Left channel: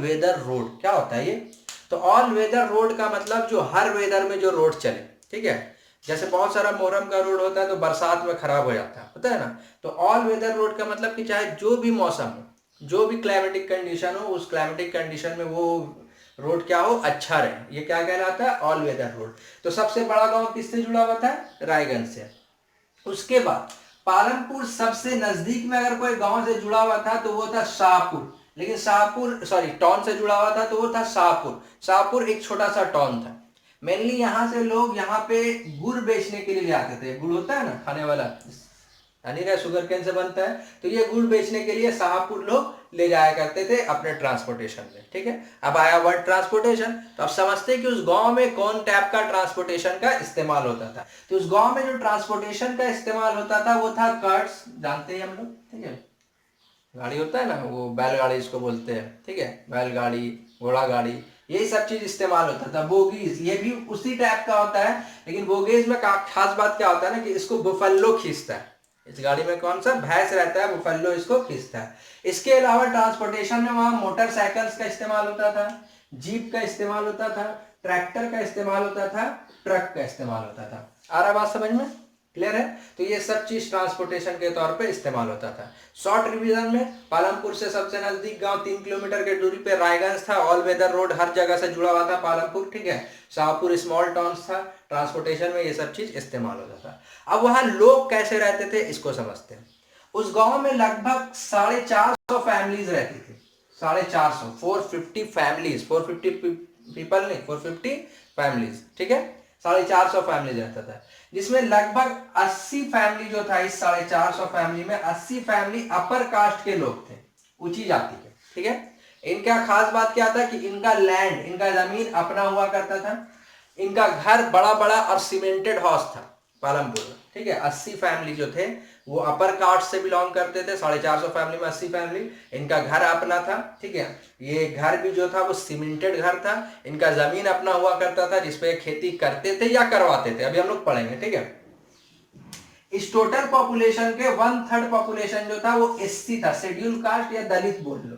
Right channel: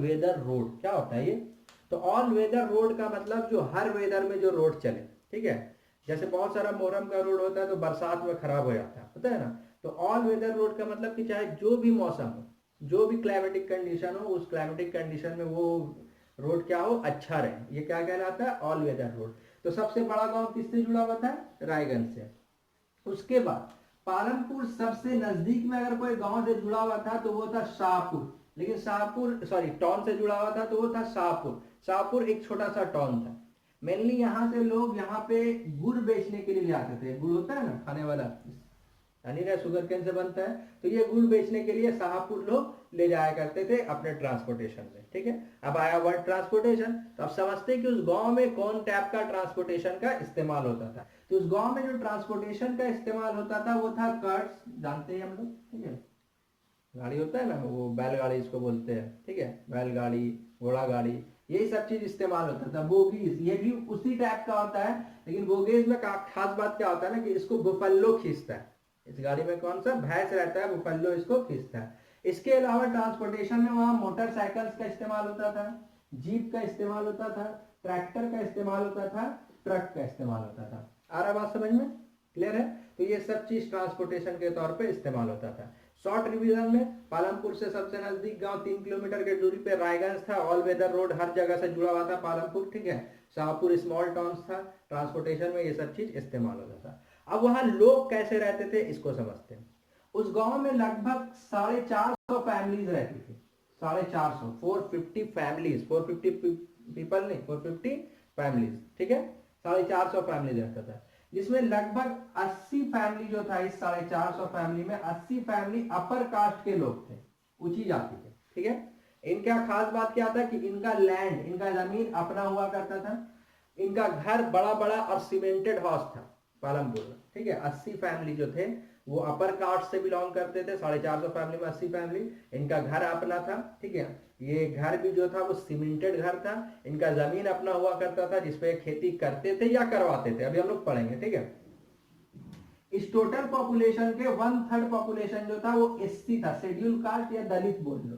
Weather road. क्या होता है ये? तो ऑल वेदर रोड का मतलब जो हर वेदर में जो रोड चले, ठीक है। जैसे बहुत सारा मोरम का रोड होता है तो बरसात में खराब हो जाता है, होता है ना। तो ऑल वेदर रोड का मतलब कि चाहे जो भी मौसम हो, जो भी क्लाइमेटिक कंडीशन हो, उस क्लाइमेटिक कंडीशन में वो रोड क्या हो, अच्छा रहे, ये क्या कहलाता है, ऑल वेदर रोड। तो सबसे बड़ा गांव किससे जुड़ा हुआ था? रायगंज से। उसके बाद पालमपुर सबसे नजदीक में अगर कोई गांव से जुड़ा हुआ था तो वो था शाहपुर। लेकिन शाहपुर सॉरी टाउन से जुड़ा हुआ था तो वो था शाहपुर। शाहपुर एक छोटा सा टाउन था। मेनली यहाँ से लोग यहाँ पे गुड़ बेचने के लिए ले आते थे। गुड़ होता है ना खाने वाला, यानी क्या शुगर केन से बनता है, तो ये गुड़ बेचने के लिए शाहपुर लोग ले जाया करते थे अपने ट्रांसपोर्टेशन में, ठीक है। अब आया वर्ड ट्रांसपोर्टेशन, तो आप समझते हैं कि उस गांव में कौन टाइप का ट्रांसपोर्टेशन का इस्तेमाल होता था। तो उस गांव में जो ट्रांसपोर्टेशन का इस्तेमाल होता था वो था कार्ट्स, जानते हैं हम लोग, ठीक है। गाड़ी होता है ना, वो बैलगाड़ी इसको बोलते हैं, ठीक है, बैलगाड़ी, घोड़ा गाड़ी, यही सब चीज इस्तेमाल होता था। बोगीज ये भी उसी टाइप का होता है, लेकिन बोगीज में खास बात क्या होता है ना कि इसको बुफेलो खींचता है। इस गाड़ी में कौन सा भैंस रहता है, बुफेलो इसको खींचता है। इसके अलावा ट्रांसपोर्टेशन में वहां मोटरसाइकिल्स का इस्तेमाल होता था, जीप का इस्तेमाल होता था, ट्रैक्टर का इस्तेमाल होता था, ट्रक का इस्तेमाल होता था। आ रहा बात समझ में? क्लियर है? तो ये सब चीज ट्रांसपोर्टेशन के तौर पे इस्तेमाल होता था। शॉर्ट रिवीजन में पालमपुर से सबसे नजदीक गांव 3 किलोमीटर के दूरी पे रायगंज था। ऑल वेदर रोड हर जगह से जुड़ा हुआ था पालमपुर, ठीक है। शाहपुर स्मॉल टाउन था। ट्रांसपोर्टेशन में ये सब चीज इस्तेमाल होता था। अब वहां लोग कैसे रहते थे इसको समझते हैं। उस गांव में लगभग 450 फैमिलीज रहती थी। 450, 450 फैमिलीज, 450 पीपल नहीं, 450 फैमिलीज, ठीक है। 450 फैमिलीज रहता था, जिसमें लगभग 80 फैमिली जो था, इस 450 फैमिली में 80 फैमिली अपर कास्ट के लोग थे, ऊंची जाति के, ठीक है। इनका खास बात क्या था कि इनका लैंड, इनका जमीन अपना हुआ करता था। इनका घर बड़ा बड़ा और सीमेंटेड हाउस था पालमपुर में, ठीक है। 80 फैमिली जो थे वो अपर कास्ट से बिलोंग करते थे। 450 फैमिली में 80 फैमिली, इनका घर अपना था, ठीक है। ये घर भी जो था वो सीमेंटेड घर था। इनका जमीन अपना हुआ करता था जिसपे खेती करते थे या करवाते थे, अभी हम लोग पढ़ेंगे, ठीक है। इस टोटल पॉपुलेशन के 1/3 पॉपुलेशन जो था वो एससी था, शेड्यूल कास्ट या दलित बोल लो,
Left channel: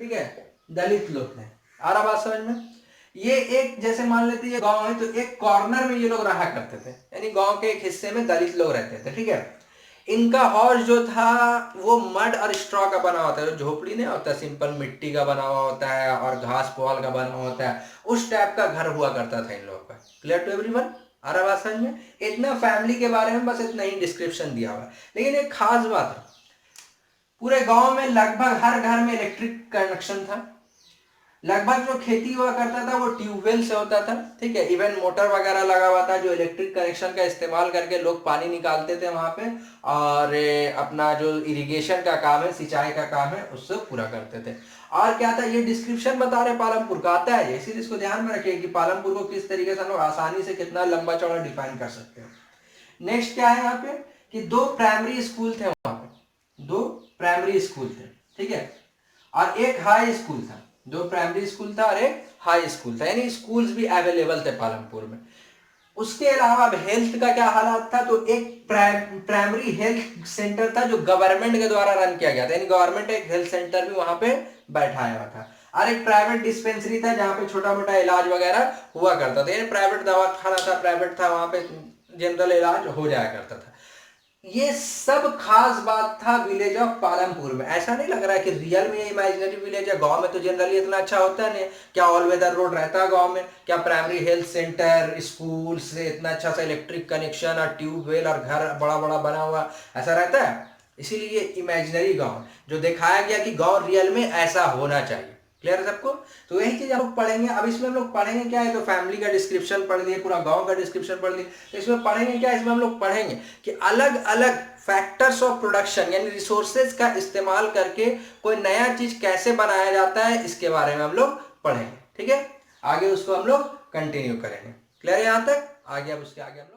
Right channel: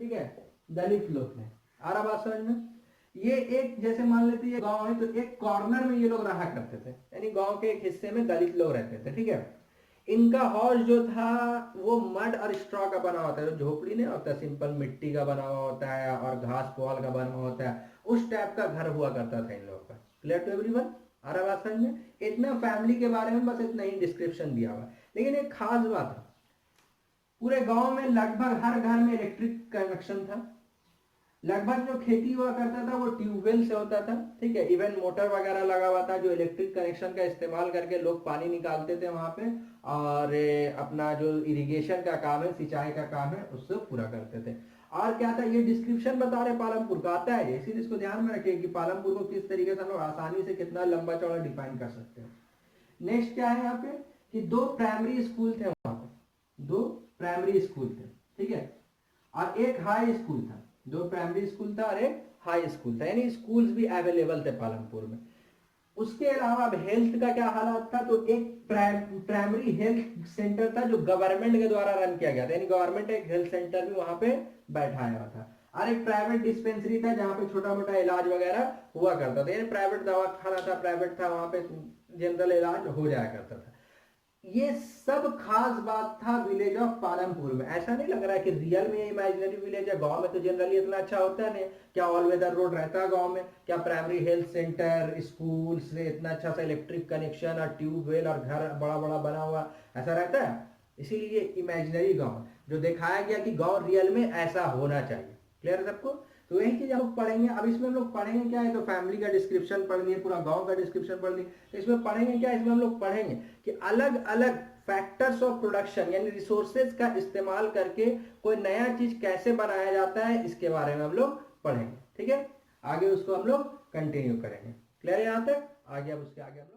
ठीक है, दलित लोग थे। आ रहा बात समझ में? ये एक जैसे मान लेते ये गांव है तो एक कॉर्नर में ये लोग रहा करते थे, यानी गांव के एक हिस्से में दलित लोग रहते थे, ठीक है। इनका हाउस जो था वो मड और स्ट्रॉ का बना होता है, जो झोपड़ी नहीं होता, सिंपल मिट्टी का बना हुआ होता है और घास पुआल का बना हुआ होता है, उस टाइप का घर हुआ करता था इन लोगों का। Clear to everyone? आ रहा बात समझ में? इतना फैमिली के बारे में बस इतना ही डिस्क्रिप्शन दिया हुआ है। लेकिन एक खास बात है, पूरे गांव में लगभग हर घर में इलेक्ट्रिक कनेक्शन था। लगभग जो खेती हुआ करता था वो ट्यूबवेल से होता था, ठीक है। इवन मोटर वगैरह लगा हुआ था जो इलेक्ट्रिक कनेक्शन का इस्तेमाल करके लोग पानी निकालते थे वहां पे, और अपना जो इरिगेशन का काम है, सिंचाई का काम है, उससे पूरा करते थे। और क्या था, ये डिस्क्रिप्शन बता रहे पालमपुर का आता है, इसीलिए इसको ध्यान में रखिए कि पालमपुर को किस तरीके से हम लोग आसानी से कितना लंबा चौड़ा डिफाइन कर सकते हैं। नेक्स्ट क्या है यहाँ पे कि 2 प्राइमरी स्कूल थे वहां पे, 2 प्राइमरी स्कूल थे, ठीक है, और एक हाई स्कूल था। 2 प्राइमरी स्कूल था और एक हाई स्कूल था, यानी स्कूल्स भी अवेलेबल थे पालमपुर में। उसके अलावा अब हेल्थ का क्या हालात था, तो एक प्राइमरी हेल्थ सेंटर था जो गवर्नमेंट के द्वारा रन किया गया था, यानी गवर्नमेंट एक हेल्थ सेंटर भी वहां पे बैठाया हुआ था। और एक प्राइवेट डिस्पेंसरी था जहाँ पे छोटा मोटा इलाज वगैरह हुआ करता था, यानी प्राइवेट दवाखाना था, प्राइवेट था, वहां पे जनरल इलाज हो जाया करता था। ये सब खास बात था विलेज ऑफ पालमपुर में। ऐसा नहीं लग रहा है कि रियल में ये इमेजिनरी विलेज है। गांव में तो जनरली इतना अच्छा होता नहीं है। क्या ऑल वेदर रोड रहता है गांव में? क्या प्राइमरी हेल्थ सेंटर, स्कूल से इतना अच्छा सा इलेक्ट्रिक कनेक्शन और ट्यूबवेल और घर बड़ा बड़ा बना हुआ ऐसा रहता है? इसीलिए ये इमेजिनरी गांव जो दिखाया गया कि गांव रियल में ऐसा होना चाहिए। क्लियर है सबको? तो यही चीज हम लोग पढ़ेंगे। अब इसमें हम लोग पढ़ेंगे क्या है, तो फैमिली का डिस्क्रिप्शन पढ़ लिए, पूरा गांव का डिस्क्रिप्शन पढ़ लिए। तो इसमें पढ़ेंगे क्या, इसमें हम लोग पढ़ेंगे कि अलग अलग फैक्टर्स ऑफ प्रोडक्शन यानी रिसोर्सेज का इस्तेमाल करके कोई नया चीज कैसे बनाया जाता है, इसके बारे में हम लोग पढ़ेंगे, ठीक है। आगे उसको हम लोग कंटिन्यू करेंगे। क्लियर है यहाँ तक? आगे अब उसके आगे हम लोग